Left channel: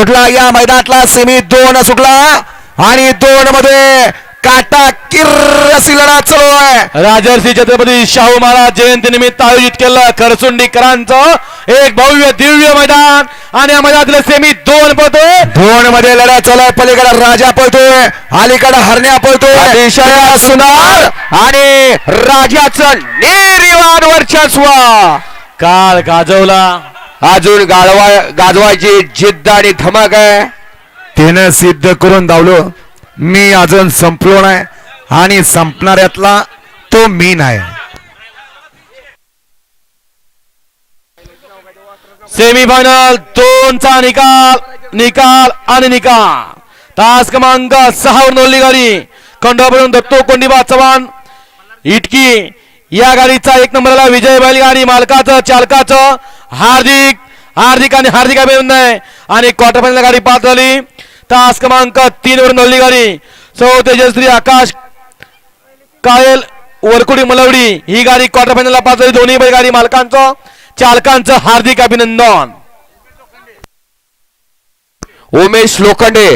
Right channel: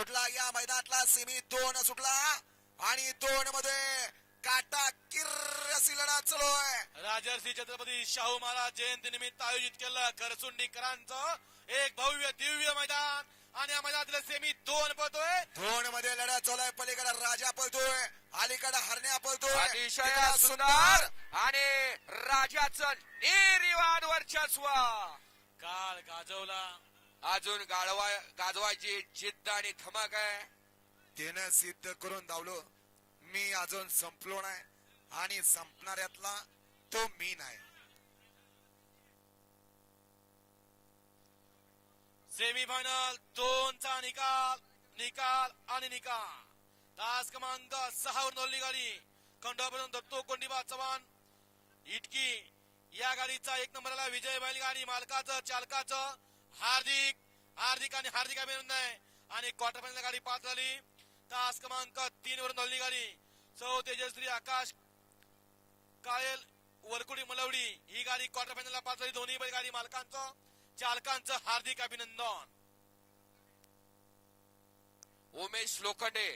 सुटला या मैदानातला सेमी 2 सुटला आणि 2 मध्ये काटा किर्र अशी लढा चालू आहे। राजर्षी छत्रपती शाहू महाराज जयंती निमित्त आयोजित केलं खरसुंडीकरांचं एक भव्य दिव्य मैदान आणि या मैदानातले सेमी 2 पळतोय। 2 मध्ये लढा चालू आहे। पलीकडे राजा पळतोय, अलीकडे हरण्या पळतोय। अतिशय सुंदर आणि राजाचं निर्विवाद वर्चस्व काळ गाजवला, अजून गाजवायची जिद्द आणि धमक आहे। त्यानं सिद्ध करून धावलो, मी अजून संपलो नाही आणि संपणाऱ्यातला तो मी नाही। सेमीफायनल 2चा निकाल आणि निकाल तास क्रमांक 6 वर नोंदली गाडी खंडोबावरून दत्तो कोंडीबा चव्हाण इटकी या गाडीचा 1 नंबरला विजय बैलगाडी मालकाचं चालकाचं हार्दिक अभिनंदन आहे। आणि क्वार्टर फायनल गाडी पास झाली तास क्रमांक 3 वर नोंदली गाडी सौ तेजश्री आकाश कायल वरकुडी मलवडी ही गाडी क्वार्टर फायनलला पास झाली। दोन्ही बैलगाडी मालकांचं चालकांचं हार्दिक अभिनंदन। उमेश लोखंडे